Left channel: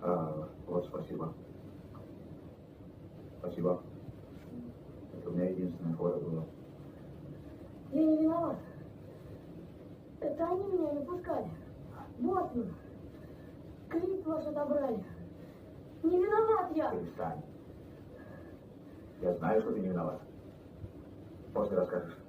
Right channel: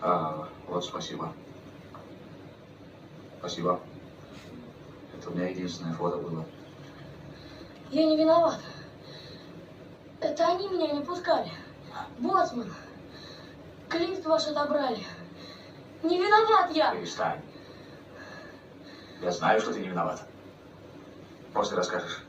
Вот спасибо. Спасибо. Это у меня единственное фото было. Я не виноват. Это они меня не пускали. Боцман. Клифт ваш отобрали. Не виноват я. Перестань. Я знаю, что ты не виноват. После расскажешь.